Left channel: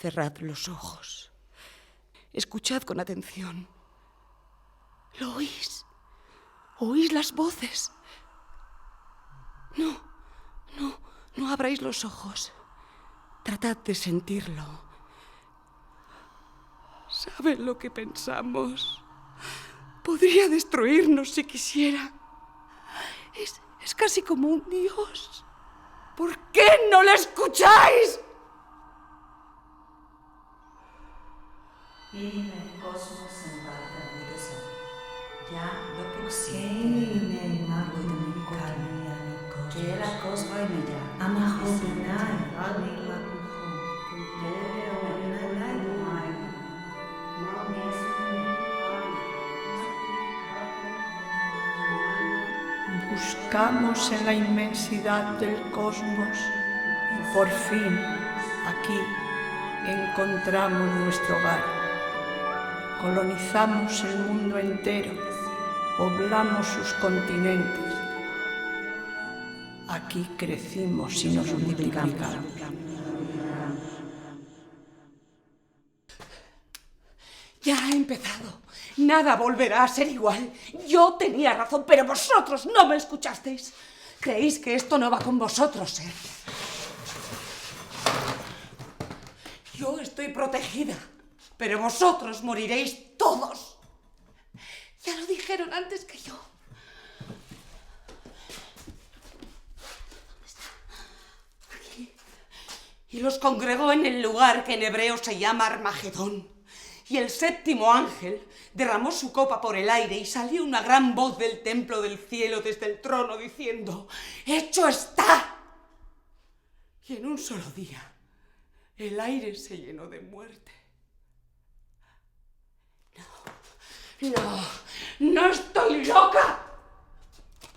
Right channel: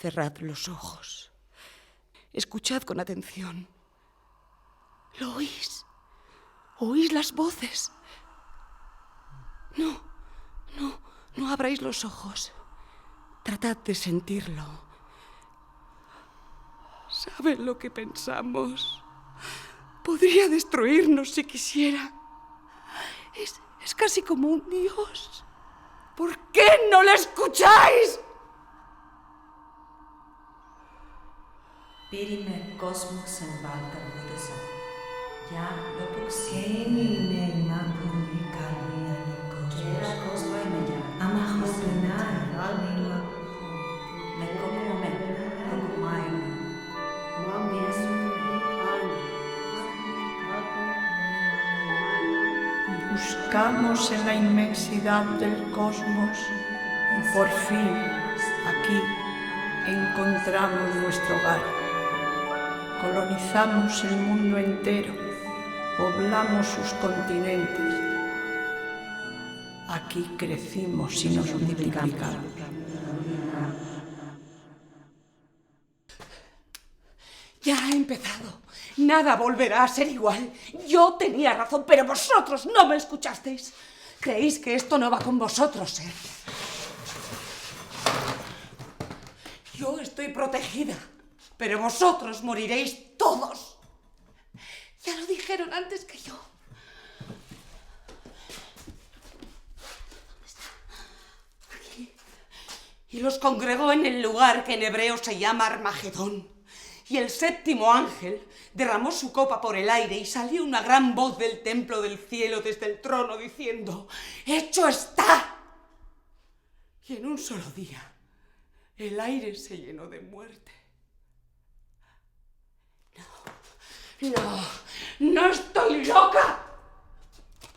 Cerrad los ojos. Escuchad con atención. ¿Lo oís? ¿Oís las voces? No abráis los ojos. Tratad de sentirlo. ¿Saben lo que pensamos? Podría destruirnos si quisiera. Es casi como un dios. ¿Por qué no lo escucháis? Périme cosmos en Balta Buddhasa. Ya lo puxi. Keini neimakuni kalia no Kera cosmos. cosva y mella. Amahobenai neimakuho. Me como me mai. Mami es Buscamos en la inmensidad del cosmos y por fin, aquí, encontramos nuestro hogar. Colonizamos el mundo entero, poblamos sus continentes. Aquí crecimos y nos multiplicamos. Ya ha empezado. Nada volverá a ser igual. Yo tenía razón, pero vosotros no me escuchasteis. Creéis que esto no va con vosotros, ¿eh? Yo estoy protegida, pero vosotros moriréis todos. Ya lo dijeron antes que yo. ¿Dónde está? Aquí. Y los congregó en el lugar que en hebreo se llama Armagedón. Y el séptimo ángel derramó su copa por el aire y salió una gran voz del templo del cielo desde el trono diciendo: ¡Hecho está! Y en un solo día el aire se llenó de muerte. No estoy loca.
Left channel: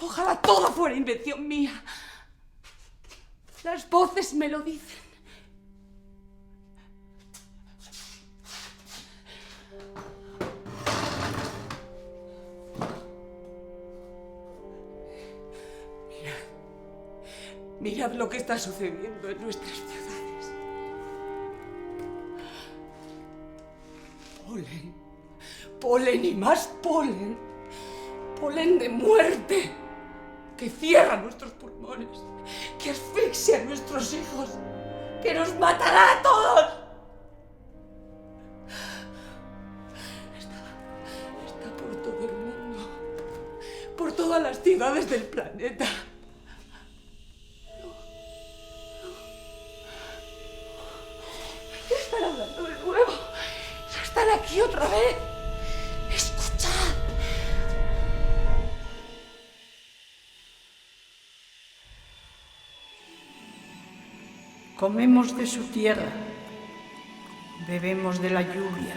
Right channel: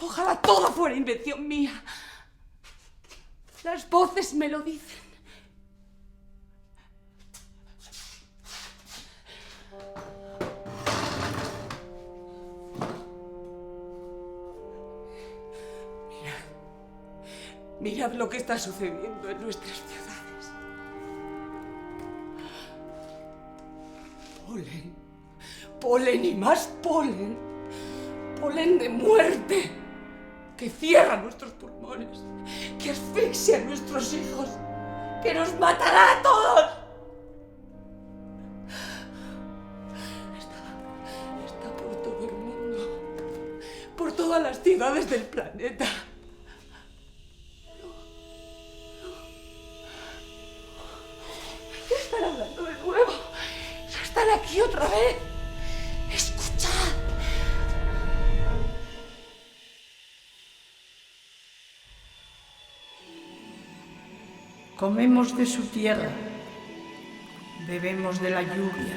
Ojalá todo fuera invención mía. Las voces me lo dicen. Mirad lo que está sucediendo en nuestras ciudades. Polen, polen y más polen. Polen de muerte que cierra nuestros pulmones, que asfixia a nuestros hijos, que nos matará a todos. Está por todo el mundo, por todas las ciudades del planeta. Están hablando de nuevo. Están aquí otra vez. Escuchad. Comemos de su tierra, bebemos de la lluvia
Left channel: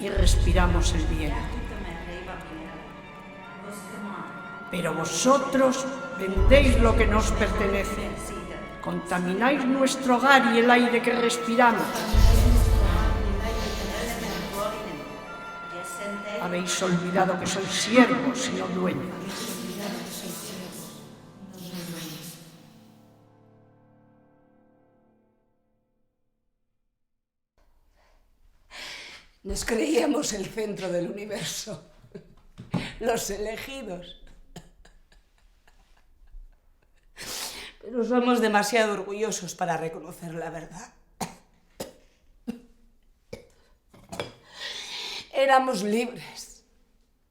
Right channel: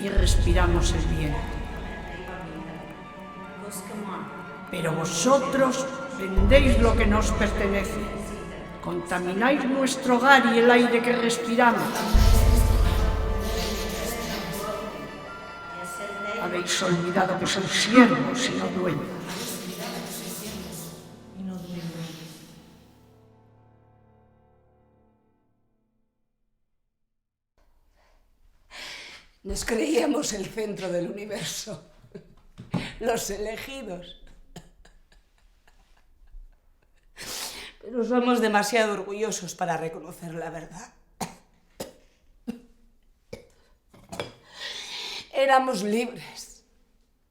y respiramos el viento. Pero vosotros vendéis lo que nos pertenece, contamináis nuestro hogar y el aire que respiramos. Habéis olvidado que sois siervos y no dueños. Nos creíamos el centro del universo, los elegidos. Pero somos demasiado orgullosos para reconocer la verdad. Éramos libres,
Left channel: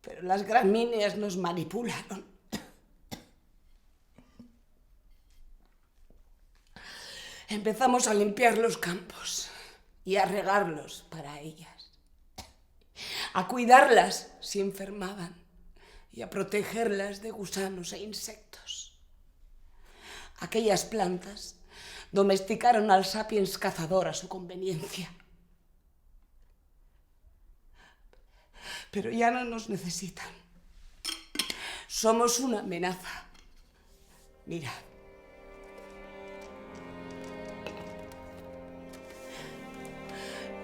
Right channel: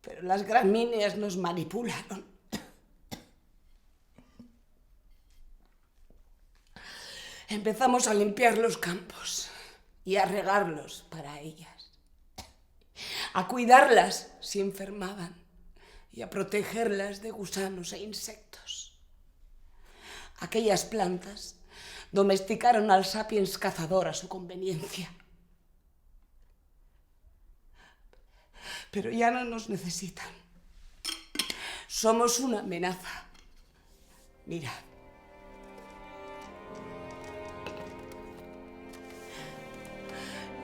pero las gramíneas nos manipularon. Empezamos a limpiar los campos y a regarlos para ellas, a cuidarlas si enfermaban y a protegerlas de gusanos e insectos. Aquellas plantas domesticaron al sapiens cazador a su conveniencia. Pero ya no nos necesitan. Somos una amenaza. Mirad.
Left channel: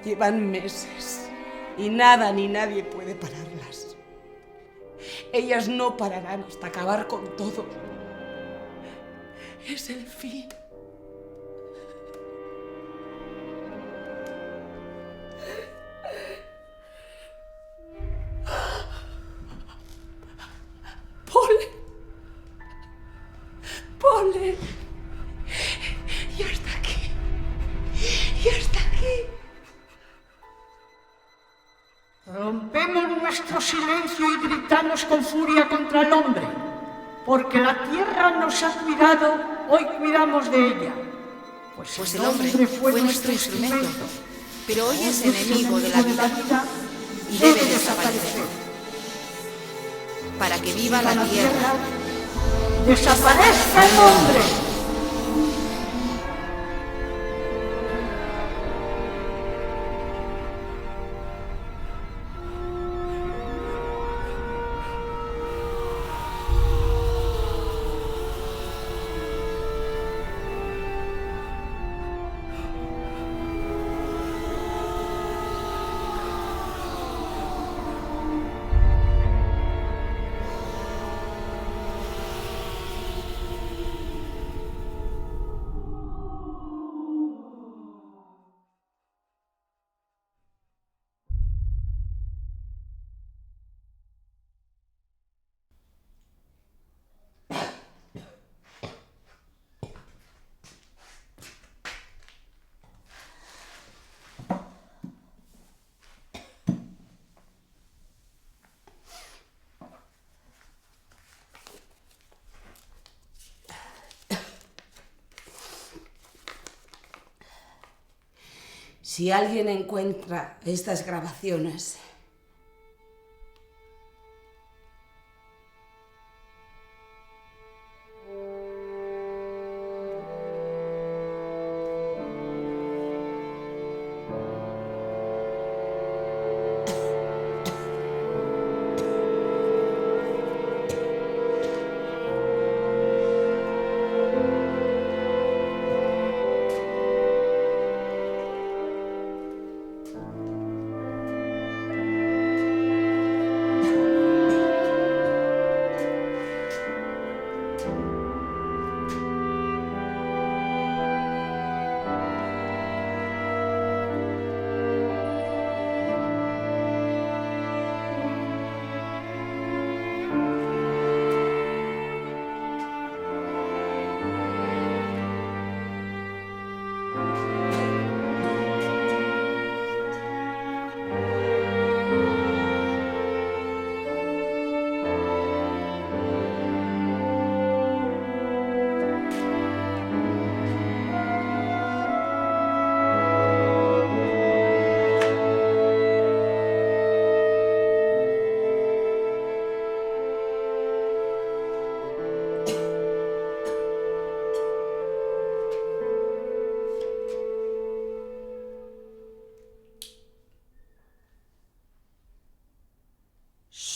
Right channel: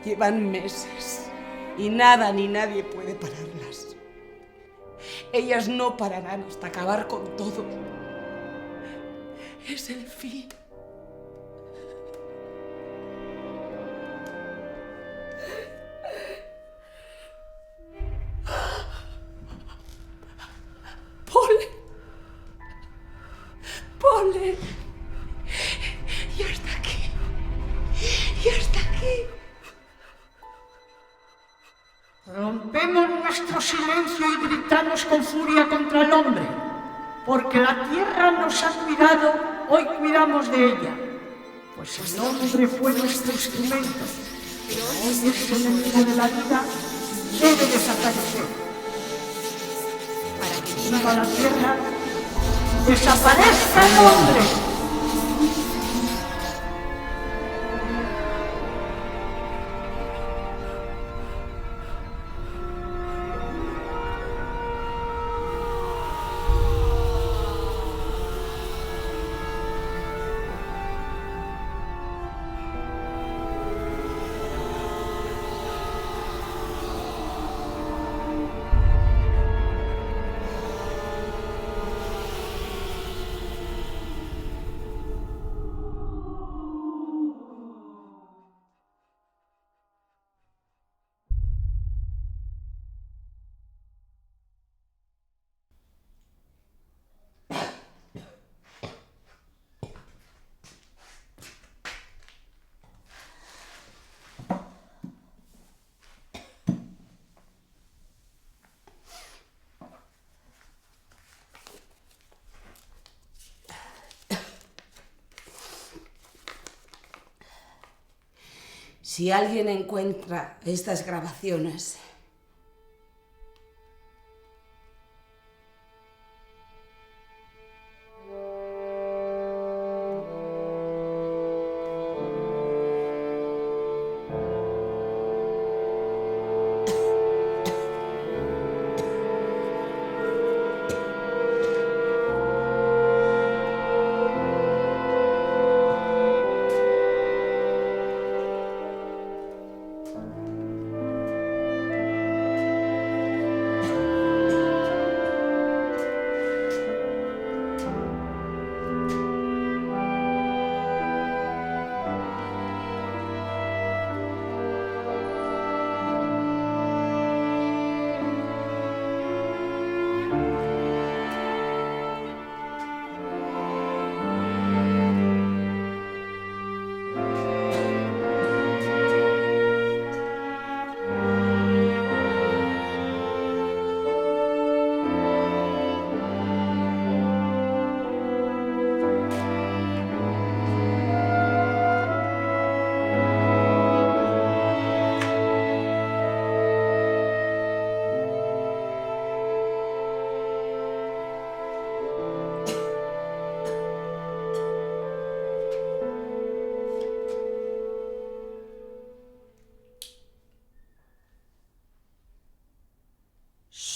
Llevan meses y nada ni nadie puede pararlas. Ellas no pararán hasta acabar con todo. Es el fin. guardadnos silencio y gritadnos con furia contra el hombre, porque la tierra nos ha cuidado, hoy cuidamos de ella. Pues el hombre fue nuestro instrumento, pero hoy es el enemigo enemigo de la vida debe desaparecer. Para que viva Viva la tierra. ¡Desaparezca el hombre! Si alguien encuentra estas grabaciones,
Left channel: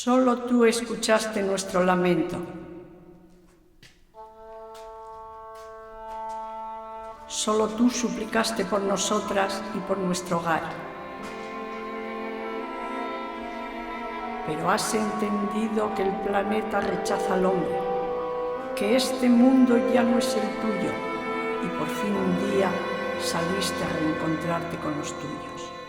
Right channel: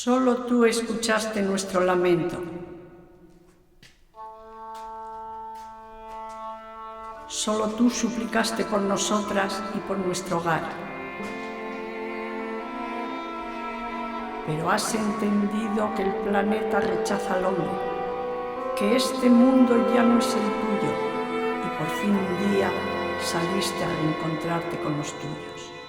Solo tú escuchaste nuestro lamento. Solo tú suplicaste por nosotras y por nuestro hogar. Pero has entendido que el planeta rechaza al hombre, que este mundo ya no es el tuyo y por fin un día saliste a reencontrarte con los tuyos.